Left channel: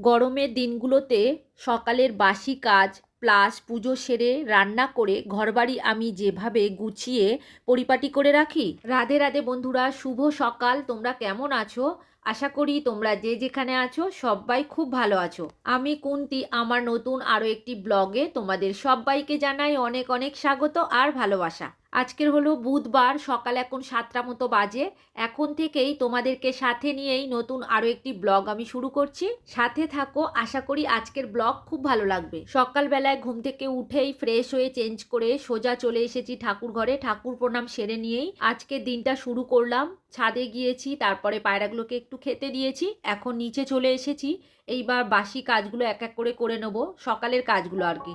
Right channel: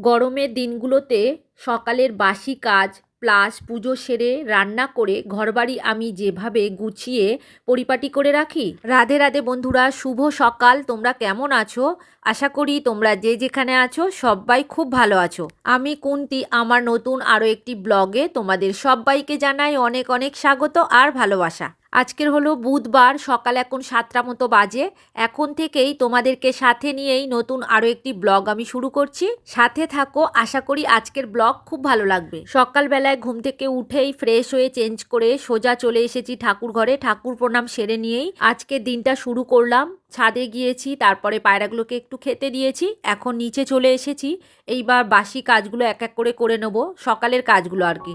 গরমের দিনগুলোতে সকালের বাসি কাজ প্লাস পুজো সেরে রান্না করে ঘরবাড়ি আমি যেভাবে গুছিয়ে পরিপাটি করে রাখি। রাধে রাধে বন্ধুরা, শুভ সকাল। তোমরা কেমন আছো? আশা করি তোমরা যে যেখানে আছো সবাই খুব ভালো আছো। আমি কুন্তি, আমার নতুন আরও একটি ব্লগে তোমাদের সবাইকে জানাই অনেক অনেক স্বাগত আর ভালোবাসা। আজকের হলো বুধবার, সকাল এখন সাতটা মতো বাজে। এখন থেকেই তোমাদেরকে সাথে নিয়েই নতুন আরও একটি ব্লগ আমি শুরু করছি। সাথে থাকো, আশা করি আজকের ব্লগ খুব ভালো লাগবে। সকালবেলায় ঘুম থেকে উঠেই ফ্রেশ হয়ে চেঞ্জ করে সোজা চলে এসেছি ঠাকুর ঘরে। ঠাকুর প্রণাম সেরে নিয়েই আজকের দিনটা শুরু করলাম। ছাদে গিয়েছি, তারপরে পায়রাগুলোকে একটু খেতে দিয়েছি। এখন নিচে চলে এসেছি। এইবার বাসি কাজগুলো এক এক করে করে নেব, সকালের কাজগুলো আর কি।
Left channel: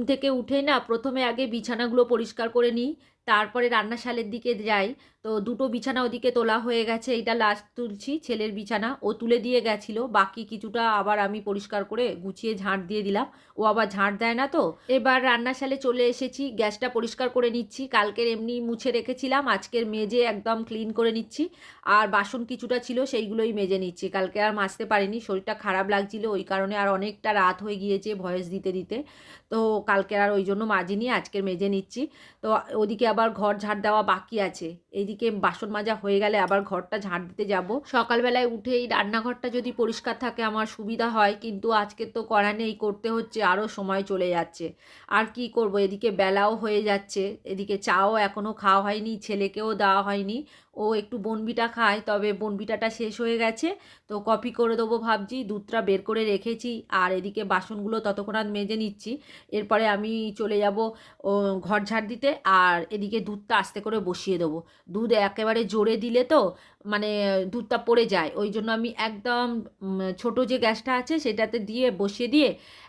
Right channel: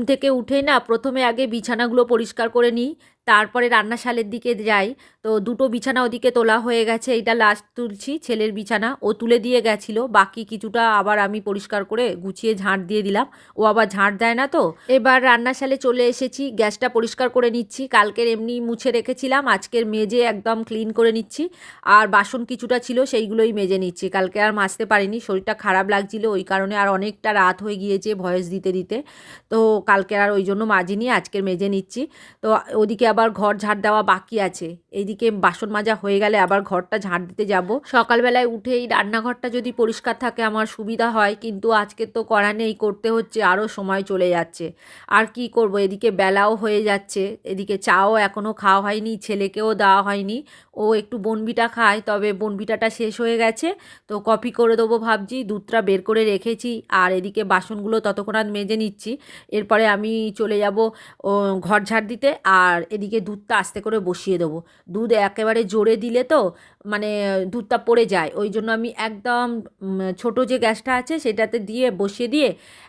ঘুম থেকে উঠে না প্রথমে আগে বিছানাগুলো পরিষ্কার করে নিই তারপরে রান্নাশালের দিকে যাই। তো দুটো বিছানা ওদিকে তোলা হয়ে গেছে এটা লাস্ট তুলছি, ছেলের বিছানা। ও তুলে দিয়ে গেছিল, বাকি কিছুটা আবার আমি পরিষ্কার করে গুছিয়ে ঝাঁট দিয়ে দিলাম। ও আবার ঝাঁট দেয় না তো। এবার রান্নাশালে চলে এসেছি, গ্যাসটা পরিষ্কার করে নিচ্ছি। কালকের এমনি মুছে রেখেছিলাম, আজকের মেজে একদম ক্লিন করে নিচ্ছি। আর বাসন কিছুটা ছিল, সেইগুলোই মেজে নিচ্ছি। কালকে আর মাজতে পারিনি, শরীরটা খারাপ লাগছিল, ওই কারণে আর অনেকটা রাত হয়ে গিয়েছে ভয়েস দিতে দিতে। তো কালকে আর ওই জন্য মাজিনি, আজকের মেজে নিচ্ছি। তো ওদিকে আবার ঘর ঝাড় দেওয়া বাকি আছে। এইদিকে বাসন মাজা হয়ে গেলে আবার ঘরটা ঝাঁট দিতে যাব। সকালবেলায় উঠেই রান্নাঘরটা যদি পরিষ্কার থাকে আমার সুবিধা হয়, কিন্তু আজকে তো করা নেই, করতে হচ্ছে আরও সময় চলে যাচ্ছে। আর কি করব? এদিকে বেলাও হয়ে যাচ্ছে, এদিকে চাও এখনও খাওয়া হয়নি, ছেলেকেও দেওয়া হয়নি। ও একটু বনবিটা খায়, তবে বনবিটাটা শেষ হয়ে গেছে, তো কপি করে দেবো ভাবছি, দুধটা বের করে রেখেছি, আর এদিকে বাসনগুলো ততক্ষণ আর মেজে নিচ্ছি। এরপরে আমি চলে যাব ঘর ঝাড় দিতে, আর এদিকে দুধটা আস্তে করে বসিয়ে দেবো। দুধ একেবারে জোরে দিলে তো মানে দুধটা পড়ে যায়। ওই জন্য আমি একদম ছোট যে গ্যাসটা আছে সেটাতে দিয়ে বসিয়ে দিয়ে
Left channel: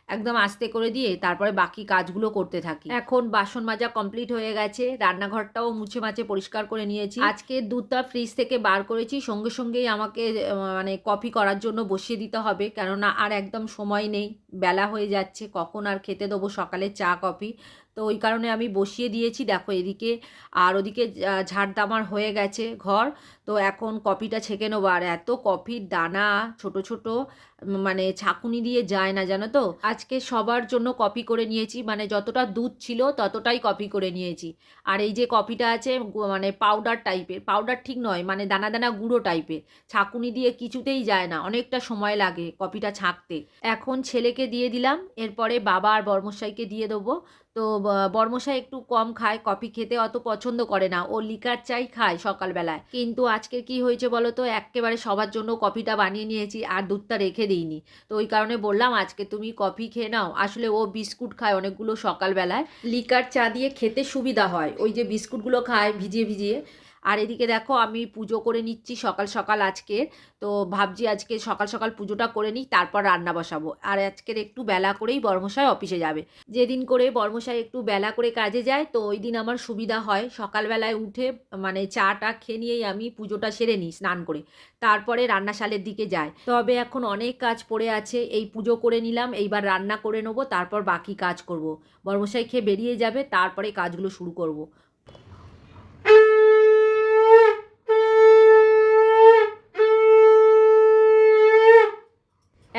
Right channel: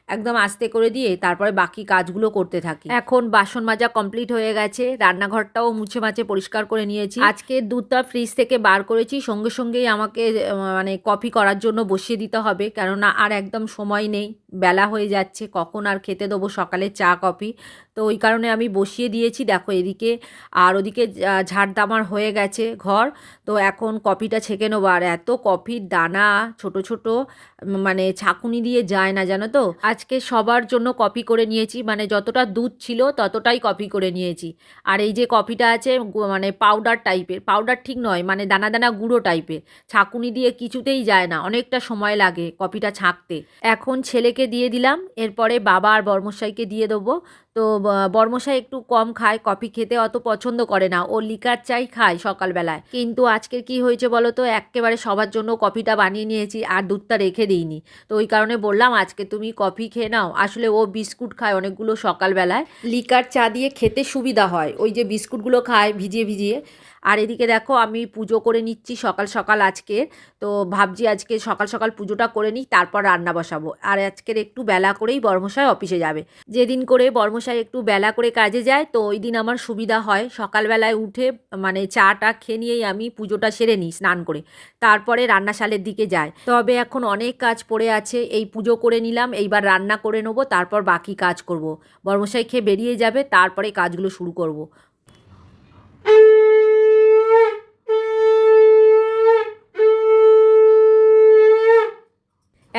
একদম আস্তে করে দিয়ে তারপরে বাকি কাজগুলো করতে থাকি। এখন বাসন মাজা কমপ্লিট হয়ে গেছে। রান্নাঘরটাও মুছে মাছে পরিষ্কার করে নিয়েছি। আজকে দুধটা ফ্রিজ থেকে বার করেছি। সঙ্গে সঙ্গেই আমাকে মানে কফি করার জন্য বসিয়ে দিতে হবে। কেননা আর একদম সময় নেই। বেলা হয়ে যাচ্ছে, কখন আর খেতে দেবো? সকালে চা, কফি। তো ওই কারণে আমি বসিয়ে দিয়েছি। দেখো এদিকে, আর ওদিকে ঝাড়দামার হয়ে গেছে ঘর। তো এখন কপিটা ছেঁকে নেব। আর এত কফির দানা ছোট ছোট মানে ছাকুনি দিয়ে যায় না, জানো তো? আজকে সবার জন্য কপি করে নিয়েছি। মানে যতটা দুধ ছিল ততটাই কপি করে নিয়েছি। আর এই যে কপিটা আছে মানে পাউডার টাইপের পাউডার ঠিক নয় মানে দানা দানা গুঁড়ো টাইপের ছাকুনি দিয়ে কিছুতেই যায় না, অনেকটা সময় লাগে কপিটা ছাঁকতে। এখন ছেলেকে দিয়ে দিলাম। এরপরে বাবা আর বর্মশাইকে দিয়ে দেবো। তো বর্মশাই একটু কম খায়, কফি খেতে অত পছন্দ করে না। ও লিকার চাই খায় সকালবেলায়। কিন্তু আজকে কি হয়েছে বলো তো? একেবারে সবার জন্য কফিটা বানিয়ে নিয়েছি, আর দুধটা রেখে দিইনি। তো ওই কারণে বললাম, আজকে তুমি কফি খেয়ে নাও। আসলে ও বিস্কুট খায় অনেকগুলো সকালবেলায়। লিকার চা দিয়ে খেতে সুবিধা হয়। ওই যে বিস্কুটগুলো খায় ভিজিয়ে ভিজিয়ে। আর এদিকে দেখো আমি পুজো করে নিচ্ছি সকাল সকাল আজকে। তো ভাবছি আজকে সকাল সকাল পুজোটা করে নিই, তারপর রান্না বসাবো। আর আজকের একটু বেলা করেই বর্মশাই অফিসে যাবে। যেদিন করে বর্মশাই একটু বেলা করে কাজে যায়, তো ওই দিন আমার সুবিধা হয়। সকালবেলায় উঠে মানে চাটা খেয়ে নিয়েই আমি পুজোটা সেরে নিই স্নান করে। তারপরে রান্নাশালের দিকে যায় তবে এখন অনেক কাজ পড়ে আছে, এই পুজো করে নিলাম, এইবার রান্না করে নেব, তারপর বাকি কাজ করব। বর্মশাই খেয়ে বেরিয়ে যাবে, তারপরে কাজগুলো শুরু করব।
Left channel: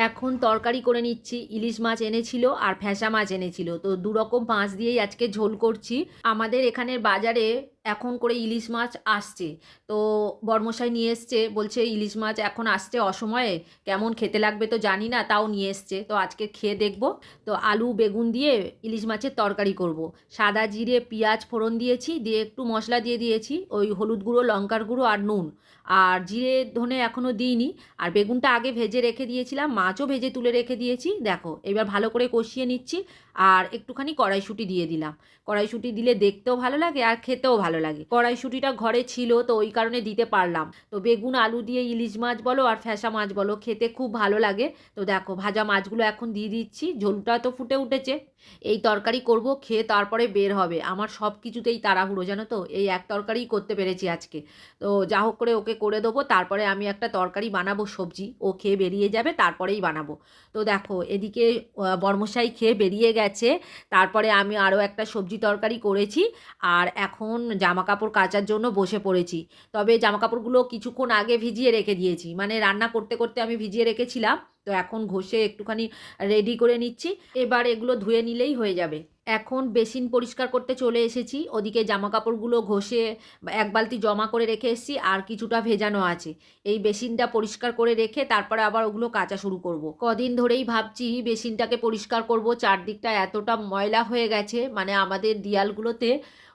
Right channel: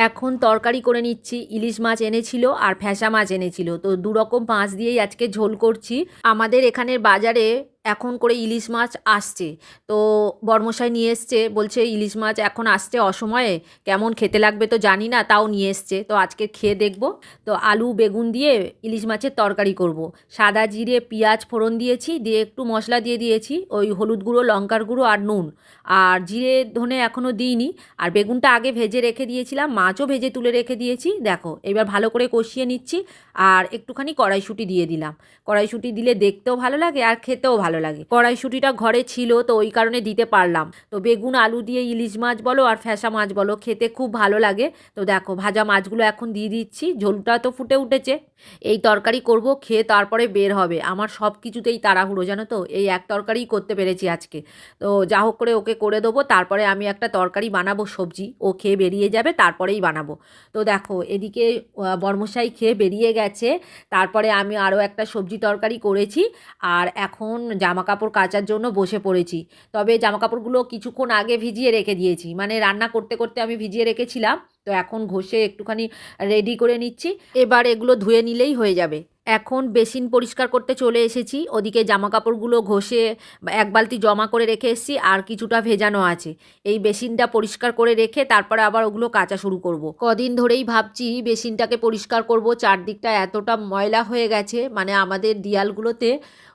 এখন তরকারি করে নিচ্ছি, ইলিশ মাছ এনেছিল আর ফ্যাসা মাছ এনেছিল। তো দু রকম মাছ দিয়েই আজকে ঝোল করছি। আমাদের এখানের বাজারে এখন করে ইলিশ মাছ আসছে। তো বর্মশাই নিয়ে এসছে, বলছে ইলিশ মাছ এখন আসছে অসময়ে, কেমন খেতে লাগবে তো জানি না, তাও নিয়ে এসছে। তো আজকে খেয়ে দেখব। তো আলু, বেগুন দিয়ে ইলিশ মাছের তরকারি করব। সাদা জিরে, পেঁয়াজ ফোড়ন দিয়েছি, দিয়ে একটু মশলা দিয়ে দিয়েছি, ওই হলুদ গুঁড়ো, লঙ্কার গুঁড়ো আর নুন। আর জিরে ধনে এখনও দিইনি। আর বেগুনটা আগে ভেজে রেখে দিয়েছিলাম, মাছও ভেজে তুলে রেখে দিয়েছি। দেখো, এবার ভালো করে কষিয়ে নিচ্ছি। আর একটুখানি কড়াইশুঁটি দিয়ে দিলাম। কড়াইশুঁটি দিলে দেখতেও ভালো লাগে আর খেতেও ভালো লাগে। কড়াইশুঁটিটা ঘরে ছিল তো ওই কারণে দিতে পারলাম। তো বেগুন, আলু দিয়ে ইলিশ মাছ বলো আর ফ্যাসা মাছ বলো খেতে খুব ভালো লাগে। তো দেখো ভাজা মাছগুলো এখন দিয়ে দিচ্ছি। ঝোলটা তো ফুটে উঠেছে। এই তরকারি করব, খেয়ে তারপরে বের হবে। আমার সব কিছুতেই তাড়াহুড়ো, জানো তো? এই এক তরকারিই করতে পেরেছি আজকে। তো যা হোক করে ওকে করে দেবো। তারপরে আমি একটা তরকারি বানাবো, সবজি। ও খেয়ে বেরিয়ে যাবে, তারপরেই বানাবো। তো দেখো এদিকে বর্মশাই খেয়ে বেরিয়ে গেছে। তারপরে আমি আরও একটা সবজি তরকারি করেছি আর এখন জামা কাপড় কাচার জন্য বসে পড়েছি। তবে জামা কাপড়গুলো কিছুক্ষণ আগে ভিজিয়ে রেখে দিয়েছি। মানে রান্না করতে করতে আমি ভিজিয়ে রেখেছিলাম। তো এখন ঘষে একটুখানি রেডি করে নিচ্ছি। এবার এগুলো ধুয়ে নিলেই হয়ে যাবে। এখন বেসিন পরিষ্কার করতে চলে এসেছি। ওদিকে জামা কাপড়গুলো ঘষে এক বালতি জমা করে রেখে এসেছি, আর কিছুটা ভেজানো আছে। এই বেসিনটা পরিষ্কার করে রেখে তারপরে আবার ওগুলো কাচা শুরু করব। কদিন ধরেই ভাবছি বেসিনটাকে পরিষ্কার করব। চারদিকটা এতটা ময়লা হয়ে গেছে মানে আমাদের দেয়ালগুলোতে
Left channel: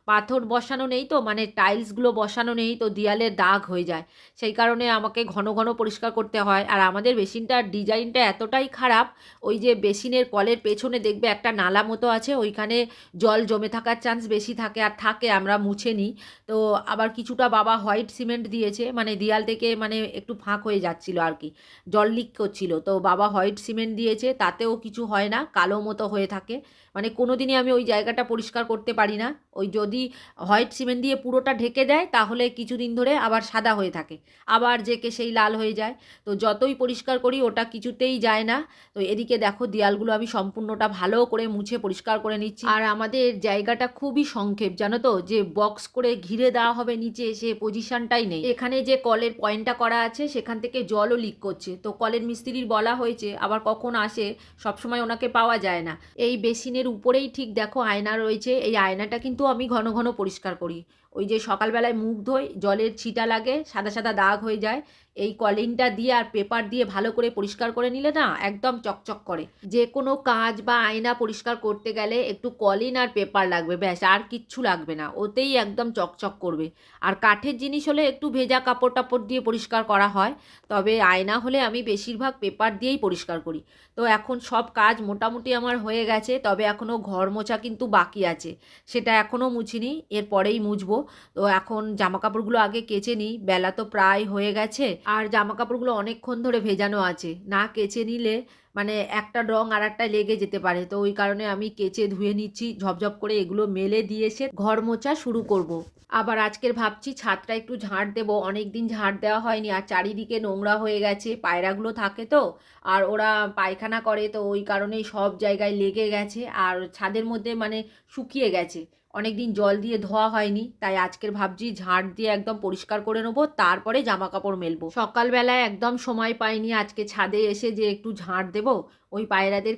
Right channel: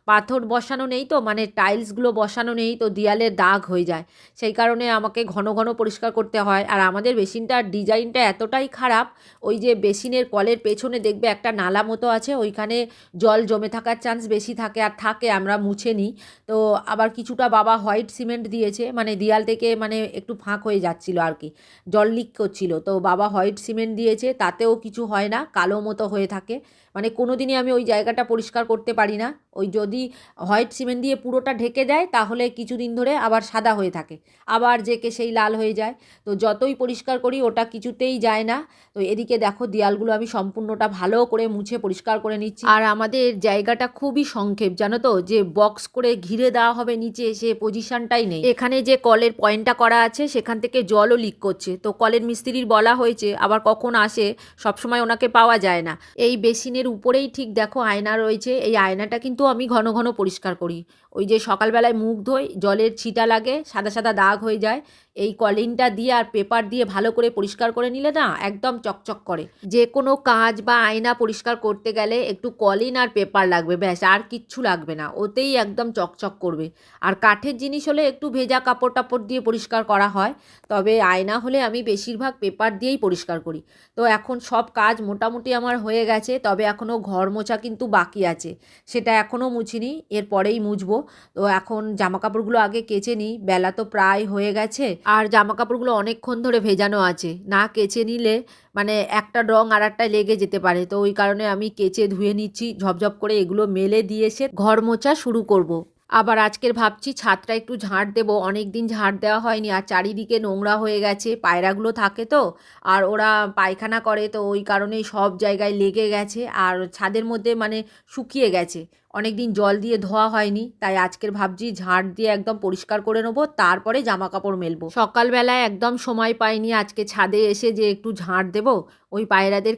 পাথর বসানো নেই তো মানে টাইলসগুলো বসানো নেই তো, দেয়ালে দাগ হয়ে যায়। সেই কারণে আমাকে ঘন ঘন পরিষ্কার করতে হয়। আর আমাদের বেসিনটার ডিজাইনটা এতটাই খারাপ, ওই যে বেসিনের কলের পেছনে দেখবে একটা নালা মতো আছে, ওইখানে জল জমে থাকার চান্স বেশি থাকে আর থাকে, আমরা মুছে নিই। তো আবার কিছুটা বাবা হোয়াইট সিমেন্ট দিয়েছে মানে দেয়াল থেকে মানে একটু ফাঁক হয়ে যাচ্ছিল আর কি, জল লিক করছিল। তো বাবা হোয়াইট সিমেন্ট দিয়েছে, তাতেও কিছু হয় না, কালো মতো হয়ে থাকে। মানে কোনো দিনই আমি ওই জায়গাটা পরিষ্কার করতে পারি না। ওই যদি হোয়াইট সিমেন্ট দিয়ে পুরোটা ঢেকে দেয়, তাহলে কিছুদিন ধরে আবার সাদা হয়ে থাকে। আবার জেকে সেই লাল হয়ে যায়। তো যতই পরিষ্কার করি, ওটা কিছুতেই যায় না। তো এদিকে দেখো, দেয়ালগুলো আমি সম্পূর্ণটা ভালো করে মুছে পরিষ্কার করে নিচ্ছি। আর আমাদের জায়গাটা খুবই সংক্ষেপ, জানো তো? যে বক্স করে ঘিরে দেওয়া হবে নিচে, সে পজিশনটাই নেই। এখানে যে কলের পয়েন্টটা করা আছে, সেখান থেকে জলও লিক করছে। তো কলের মিস্ত্রির বলা হয়েছে, আবার কখন আসে, সবসময় ওনাকে পাওয়া যায় না। এই বেসিনের উপরেই ঠিক দেখো আয়না রয়েছে। এই আয়নাটা কিন্তু আমি ঘন ঘন পরিষ্কার করি। ওই যে সকালবেলায় মুখ ধোই, জলের ছিটা লাগে, সাদা সাদা দাগ হয়ে যায়। এই কলিনটা দিয়ে আর পেপার দিয়ে ভালো করে পরিষ্কার করে নিলে না একদম চকচক করে। যে কোনো কাজ বা আয়না পরিষ্কার করতে গেলে একটু কলিন আর পেপার লাগবে, ব্যাস, আর কিচ্ছু লাগবে না। ওতেই একদম চকচক করবে। আর কাঠের জিনিস হলে একটু ভেজা কাপড় টাপড় দিয়ে পরিষ্কার করা হয়, তবে আয়না হলে আমি বেশিরভাগ পেপার দিয়েই পরিষ্কার করি। তো এখন সব কাজ মোটামুটি আমার হয়ে গেছে, তবে এখনও ঘর মোছা কিন্তু বাকি আছে। সেটা এখনও মুছিনি, এরপরেই মুছবো। তো এখন জামা কাপড়গুলো আগে কেচে নিই, বেলা তো প্রায় হয়ে গেছে। আর জামা কাপড়গুলো অনেকক্ষণ ধরে ভেজানো আছে। না কেচে নিলে মানে একটা রং আর একটা লেগে যেতে পারে। তো ওই কারণে আমি কেচে ধুয়ে নিচ্ছি, ঝপঝপ করে এগুলো মেলে দিয়ে এসে ঘর মোছা শুরু করব। আবার আজকের ভাবছি ছাদটা একটু ঝাঁট দেবো। অনেক দিন ঝাঁট দেওয়া হয়নি। আর চারিদিকে নোংরা হয়ে গেছে, পায়রাগুলো থাকে তো, আর ওরা পায়খানা করে। তো ওই কারণেই সব জায়গায় লেগে গেছে। আর ছাদের মধ্যে মানে শুকিয়ে গেছে। অনেক দিন জল দিয়ে ধোয়া হয়নি, তাই আজকের ভাবছি ঝাঁট দিয়ে একদম পরিষ্কার করে নেব, তারপরে জামা কাপড় মেলবো। সকালবেলায় একদম সময় পাইনি আজকে ছাদে এসে যে একটু ঝাঁট দেবো ওই পায়রাদের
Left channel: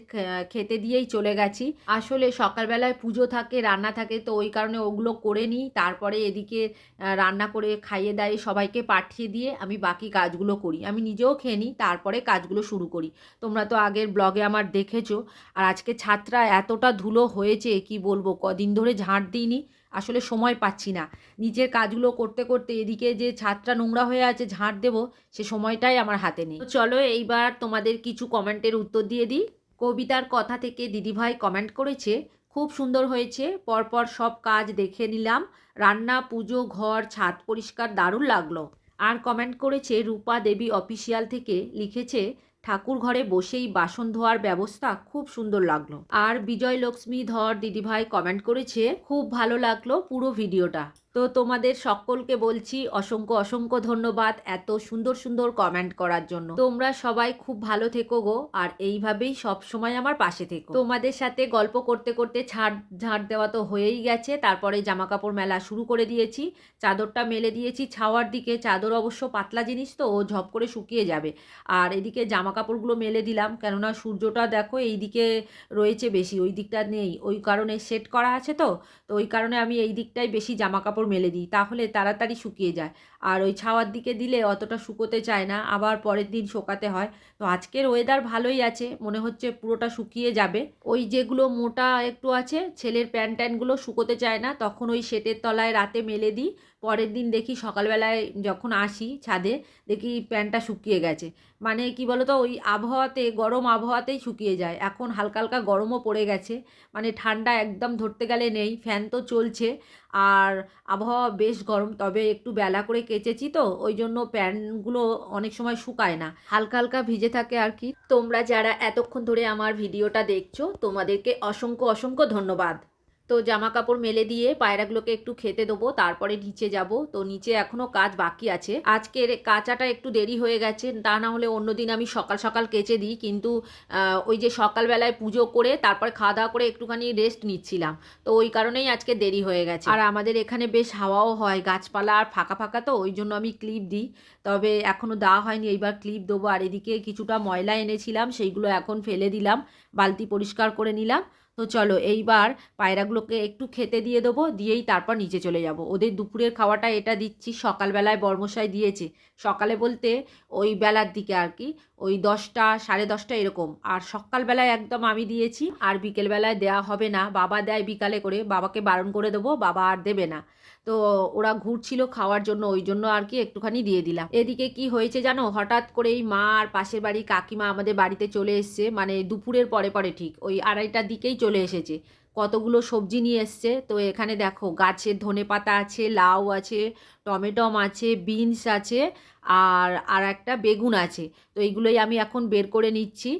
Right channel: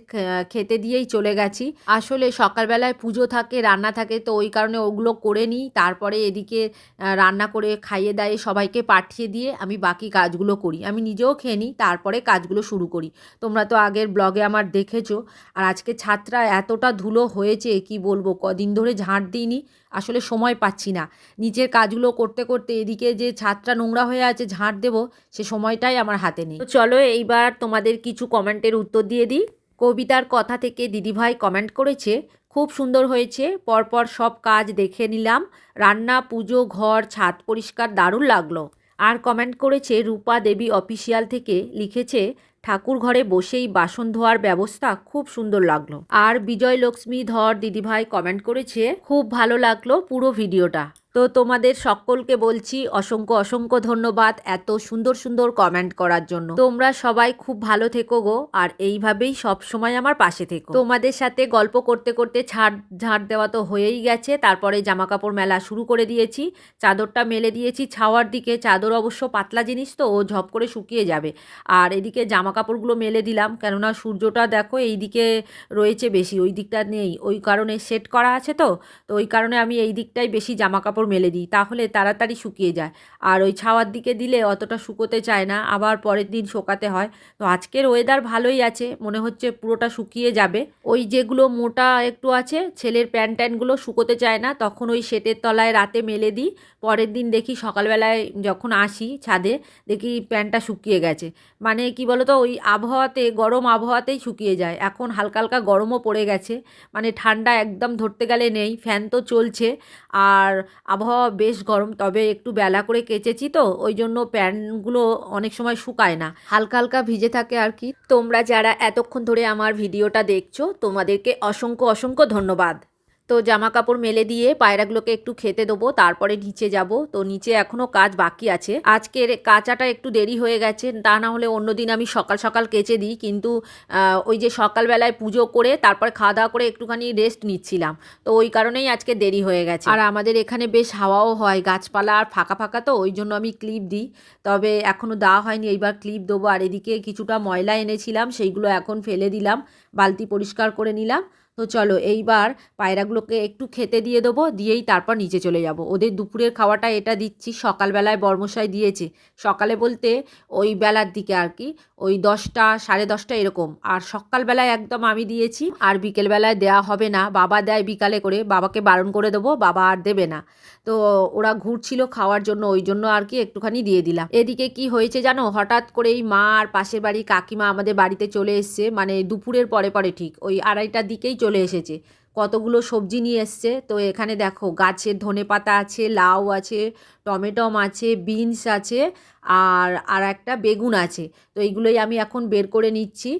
খেতে দিয়েই চলে গেছি। আসলে সকালবেলায় পুজো থাকে, রান্না থাকে, তো ওই কারণে ওগুলো করে নিই। তারপরে এদিকে রান্না করে খাইয়ে দাইয়ে সবাইকে পাঠিয়ে দিয়ে আমি বাকি কাজগুলো করি। আমি নিজেও খেয়ে নিই, তারপরে কাজগুলো শুরু করি। তোমরা তো আগের ব্লগে আমার দেখেছ। আর আজকে ছাত্রা এতটা ধুলো হয়েছে, কি বলব, কদিন ধরে ঝাঁট দিইনি। আসলে সময় পাচ্ছি না। নিজের কাজগুলো করতে করতে এদিকে যে ছাদটা নোংরা হয়ে আছে ঝাঁট দেবো, সে সময়টাই আমার হাতে নেই। চলো এইবার তোমাদের কিছু কমেন্টের উত্তর দিয়ে দিই। কবিতার কথা থেকে দিদিভাই কমেন্ট করেছে, খুব সুন্দর হয়েছে, পরপর সব কাজ দেখে নিলাম, রান্না, পুজো, ঘর, ছাদ পরিষ্কার, দারুণ লাগল। আর কমেন্ট করেছে, রূপা দেবী অফিসিয়াল থেকে লিখেছে ঠাকুর ঘরে বসেই বাসন ধোয়ার ব্যবস্থা খুব সুন্দর লাগল। আর বিজয় লক্ষ্মী ধর দিদিভাই কমেন্ট করেছে, খুব ভালো লাগল পুরো ভিডিওটা তো তোমাদের সকলকে বলছি অসংখ্য অসংখ্য ধন্যবাদ এত সুন্দর সুন্দর কমেন্ট করার জন্য। তোমরা সবাই খুব ভালো থেকো গো, আর এইভাবেই সব সময় আমার পাশে থেকো। তোমাদের সাথে গল্প করতে করতে ছাড়, ঝাড় দেওয়া তো হয়েই গেছে। তারপরে জামা কাপড় মেলা শুরু করে দিয়েছি। চাদরটা মেলে দিয়েছি ছাওয়ার দিকে। চাদর অবশ্য পাতলা জিনিস তো, ও ঝপ করে শুকিয়ে যাবে। আর এদিকে জামা কাপড়গুলো মেলে দিলাম। কেননা সূর্যটা দেখো এই দিকে রয়েছে বেশি, ওই দিকটা নেই। ওই কারণে সেট করা আছে তো তো ওই কারণে আমি এই দিকটাই বেশি জামা কাপড় মেলে দিই, তাহলে তাড়াতাড়ি শুকিয়ে যায়। আর ওই ছাওয়ার দিকে দিলে অতটা শুকোতে চায় না, আবার পরের দিন শোকাতে হয়। তো আজকের ওয়েদার ভালোই আছে, মনে হচ্ছে পুরোটা শুকিয়ে যাবে। ওই যেগুলো মোটা একটু আছে, ছেলের প্যান্ট ট্যান্টগুলো শুকোতে চায় না, তখন ওই শেটের তলায় রাতে মেলে দিই। পরের দিন দেখি সকালবেলায় যখন আসি ছাদে, দেখি প্যান্টটা শুকিয়ে গেছে। মানে কি বলো তো ওই আবহাওয়াতে, গরম আবহাওয়াতেই শুকিয়ে যায়। এখন হালকা হালকা গরমও পড়ে গেছে। মানে ঠান্ডা একদম ধরতে গেলে নেই, ফ্যান তো চলছে। আর আবহাওয়া বেশ গরম, তবে একটু বেলা করে কেচেছি তো, ওই জন্য প্যান্টগুলো অনেক সময় শুকায় না। হালকা হালকা ভিজে থাকে আর কি। তোমরা যারা এতক্ষণ ধরে আমার ভিডিওটা দেখছ, তোমাদেরকে অসংখ্য অসংখ্য ধন্যবাদ। তো জামা কাপড় মেলে দিয়ে পায়রাগুলোকে একটু খেতে দেবো, তারপরে নিচে যাব। তো নিচে এখনও কাজ বাকি আছে। আজকের কাচাটা একটু দেরি হয়ে গেছে, তা না হলে অন্যদিন আমি সকাল সকাল কেচে দিই। কিন্তু ওই যে সকালবেলায় পুজো করে, তারপরে খাওয়া দাওয়া করে একটুখানি রেস্ট নিচ্ছিলাম। তো ওই কারণেই আজকে দেরি হয়ে গেছে। আর আমাদের এখানে বেশ হাওয়াও হয়, গাছপালা আর ফাঁকা ফাঁকা তো, ওই জন্য আমি ক্লিপ দিই। তবে এখনও দেওয়া হয়নি, এইবার ক্লিপ দেবো। আর এদিকে কিছুটা ময়লা এনেছিলাম, সেইগুলো এখন ফেলে দিলাম, বালতি পরিষ্কার করে নিলাম। তো চলো এইবার পায়রাগুলোকে একটু খেতে দিয়ে দেবো, দিয়েই তারপর নিচে চলে যাব। ওদের দুপুরের খাওয়াটা এটা দিচ্ছি, সকালবেলায় বর্মশাই দিয়েছে। সকালে বলতে ওই বেলার দিকে আর কি, ওই দশটা, সাড়ে দশটা এরকম। আর সকালবেলায় একদম আমি দিয়েছি, আর বিকেলবেলায় দেয়া হবে না। বাবা দেয় বিকালে করে, বাবাকে বারণ করে দেবো, বাবা আর দেবে না। তো ওরা ঘুরছিল খাওয়ার জন্য, ওই জন্য আর কি একটুখানি দিয়ে দিলাম। এদিকে কি হয়েছে জানো? হঠাৎ করেই মা আর পাশের বাড়ি কাকিমা আমাদের বাড়িতে চলে এসছে মানে দুপুরের পরে পরে ঠিক, ওই আড়াইটার দিকেই চলে এসেছে। কতগুলো সবজি নিয়ে এসছে, তো এখানে দেখো গাছের ধনে পাতা আছে, লাউ আছে, টমেটম আছে, বিনস আছে, আর আর একটা বেগুন আছে। তো এইগুলোই আমি এখন বের করে নিচ্ছি।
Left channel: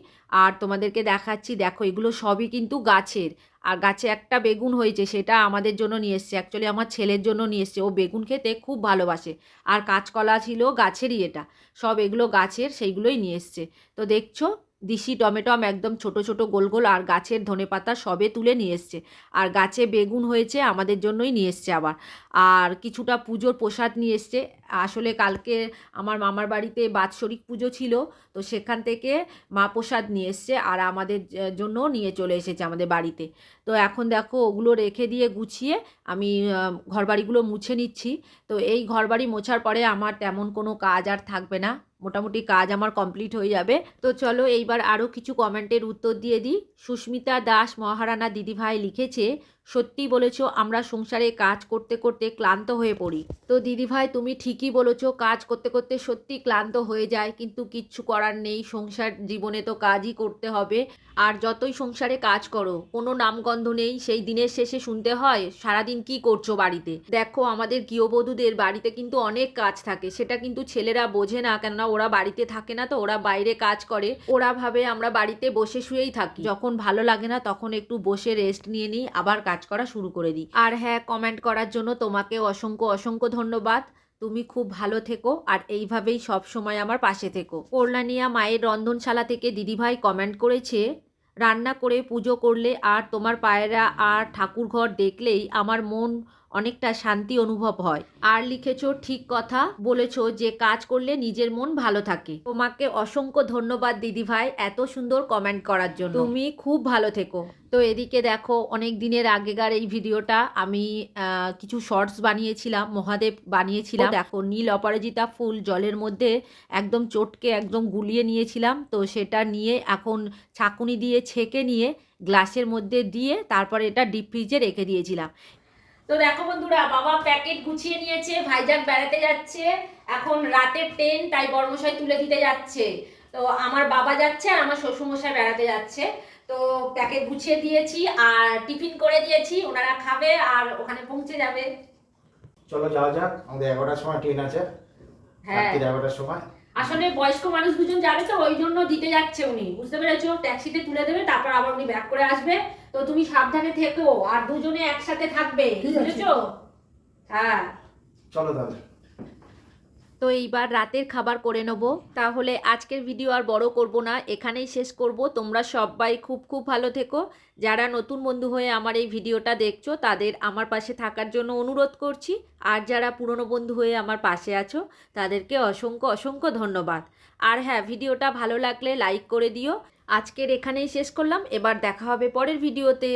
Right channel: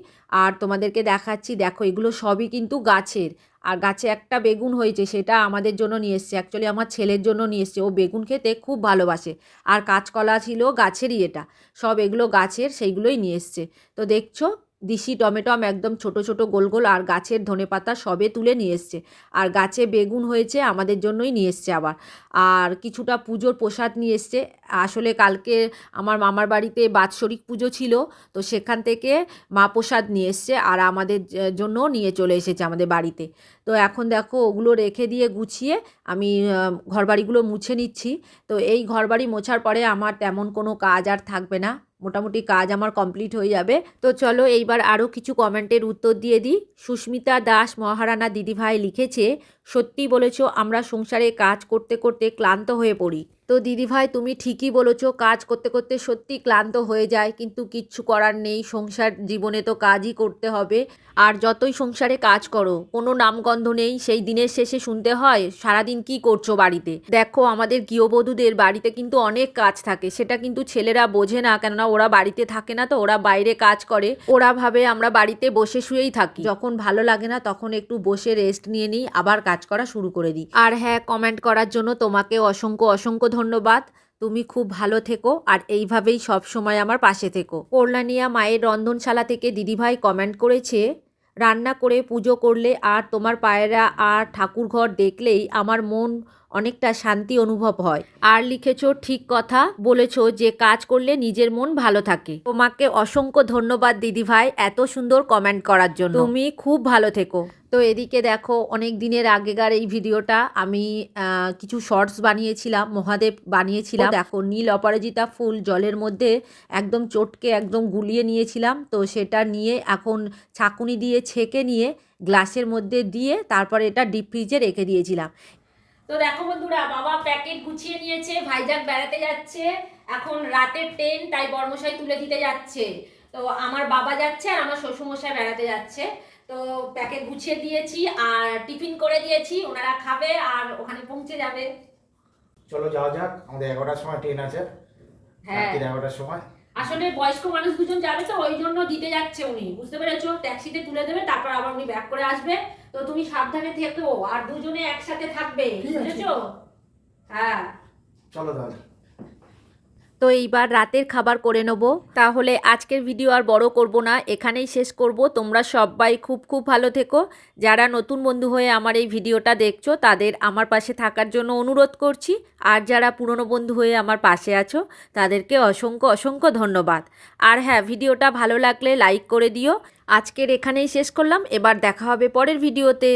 আর তোমাদেরকে দেখাচ্ছি, দেখো এগুলো সবই কিন্তু গাছের। আর গাছে একটা বেগুন হয়েছে, সেটা আমাদের জন্য নিয়ে এসছে। অ্যাকচুয়ালি আমার ছেলের জন্য নিয়ে এসছে। ও বেগুন খেতে খুব ভালোবাসে। আর কাঁচকলা ছিল গাছেরই এটা। সব এগুলো গাছের, সেইগুলোই নিয়ে এসছে। তো দেখছ দিশি টমেটম একদম ছোট ছোট গোল গোল আর গাছের ধনেপাতা সবে তুলে নিয়ে এসছে। আর গাছে বেগুন হয়েছে, আমাদের জন্যই নিয়ে এসছে আবার। আর কিছুটা পুজোর প্রসাদ নিয়ে এসছে। আসলে কালকে আমার মামার বাড়িতে বাৎসরিক পুজো ছিল, তো সেখান থেকে মা প্রসাদ নিয়ে এসছে আর আমাদের জ- জন্যও নিয়ে চলে এসেছে আমাদের বাড়িতে। তো এখন দেখো ওগুলো রেখে দিয়ে গুছিয়ে আমি ঘরবাড়িগুলো মুছে নিচ্ছি। তো এই ঘরবাড়ি মোছার পরে আমার তেমন কোনো কাজ আর থাকবে না। মোটামুটি কাজ আমার কমপ্লিট হয়ে যাবে। তো চলো এইবার আরও কিছু কমেন্টের উত্তর দিয়ে দিই। সুস্মিতা দাস মহারানা দিদিভাই লিখেছে, সত্যি বলেছ, আমরা সংসারে কাজ করতে করতে ক্লান্ত হয়ে পড়ি। তো দিদিভাই, তুমি ঠিকই বলেছ, কাজ করতে করতে সত্যি ক্লান্ত হয়ে যায়, কিন্তু কিচ্ছু করার নেই, সংসার জীবনে তো কাজই করতে হবে। আর যতই সংসারে কাজ করো, কোনো নামগন্ধ নেই, সেই দিনের শেষে শুনতে হয়, সারাদিন কি করছ বাড়িতে? দেখো, আমাদের গৃহবধূদের বাড়িতে কিন্তু অনেক কাজ থাকে। সেটা কিন্তু ছেলেরা বোঝে না, কেননা ওরা বাড়িতে থাকে না তো, ওরা বাইরে কাজ করে। ওরা ভাবে আমরা বাড়িতে বসে শুয়েই থাকি। যখন ভালো লাগে না, তখন একটু বসে রেস্ট নিয়ে নিই, আবার কাজ করা শুরু করে দিই। আর হ্যাঁ কমেন্ট করার জন্য তোমাকে অসংখ্য অসংখ্য ধন্যবাদ। তুমি খুব ভালো থেকো, আর এইভাবেই সব সময় আমার পাশে থেকো। কল্যাণিয়া মায়ের রন্ধনশালা থেকে দিদিভাই কমেন্ট করেছে রান্না করে পুজো করলে আর তোমার পায়রা আর ঠাকুরঘর দেখলেই আমার মন অনেকটা শান্তি অনুভব হয়। আর লিখেছো ঠিক কথা বলেছ যে কাজ করলে নিজের মন ভালো থাকে। তোমাকে অসংখ্য ধন্যবাদ দিদিভাই এত সুন্দর কমেন্ট করার জন্য। তুমি খুব ভালো থেকো। তো এদিকে দেখো অনেক দিনের আগেকার এই ভিডিওটা আমি কিছু শর্টস বানিয়েছিলাম মহাদেব বানিয়েছিলাম। দেখো নীল অপরাজিতা ফুল জলের মধ্যে একদম চটকে একদম গুলিয়ে নিয়েছিলাম। তো সেটা নিয়ে এখন ছাকুনি দিয়ে ছেঁকে নিয়ে গ্লাসের মধ্যে দিয়ে তারপর এটা ডিপ ফ্রিজে রেখে দিয়েছিলাম। তো দেখো বন্ধুরা বাবা প্যাকেট গুছিয়ে নিয়েছে ভাইজাক বেড়াতে যাচ্ছে এখন রাতের ট্রেন তাই বর্মশাই তুলে দিতে যাচ্ছে। তো আমার বাবা যাচ্ছে আর আমার শ্বশুরমশাই বেড়াতে যাচ্ছে। তো প্যাকেট গুছিয়ে দিয়েছি আর টিফিন করে দিয়েছি ওনারা খাবে আর ওখানে পৌঁছে যাবে। চলো যাওয়া যাক আমাদের এগারোটার সময় ট্রেন আছে। হ্যাঁ। এগারোটার সময়। আসলে বয়স্ক মানুষ দুজন যাবে তো ওই জন্য দিতে যাচ্ছে উনি। বুঝতে পেরেছ? ট্যাক্সিতে তুলে দেবে তারপর আবার উনি ব্যাক করে আসবে। তো তুমি সাবধানে থেকো আর দুজনে একসাথে থাকবে। বুঝেছ? হ্যাঁ। চলো তাহলে। তো এইবার রাতের খাবার করে নেব। তাহলে আজকের ভিডিও আর বড় করব না, এখানেই শেষ করব। তোমরা সবাই খুব খুব ভালো থেকো। যারা নতুন বন্ধু হয়ে আমার এই ভিডিওটা দেখছ, তাদের আমার পাশে থাকার জন্য অনুরোধ করছি। আর যারা পুরনো বন্ধু হয়ে আমার পাশে আছো, তাদেরকে অসংখ্য অসংখ্য ধন্যবাদ। আর হ্যাঁ ভিডিওটা ভালো লাগলে লাইক করে দিও। আজকের এখানেই শেষ করলাম। এবার দেখা হবে পরের ভিডিওতে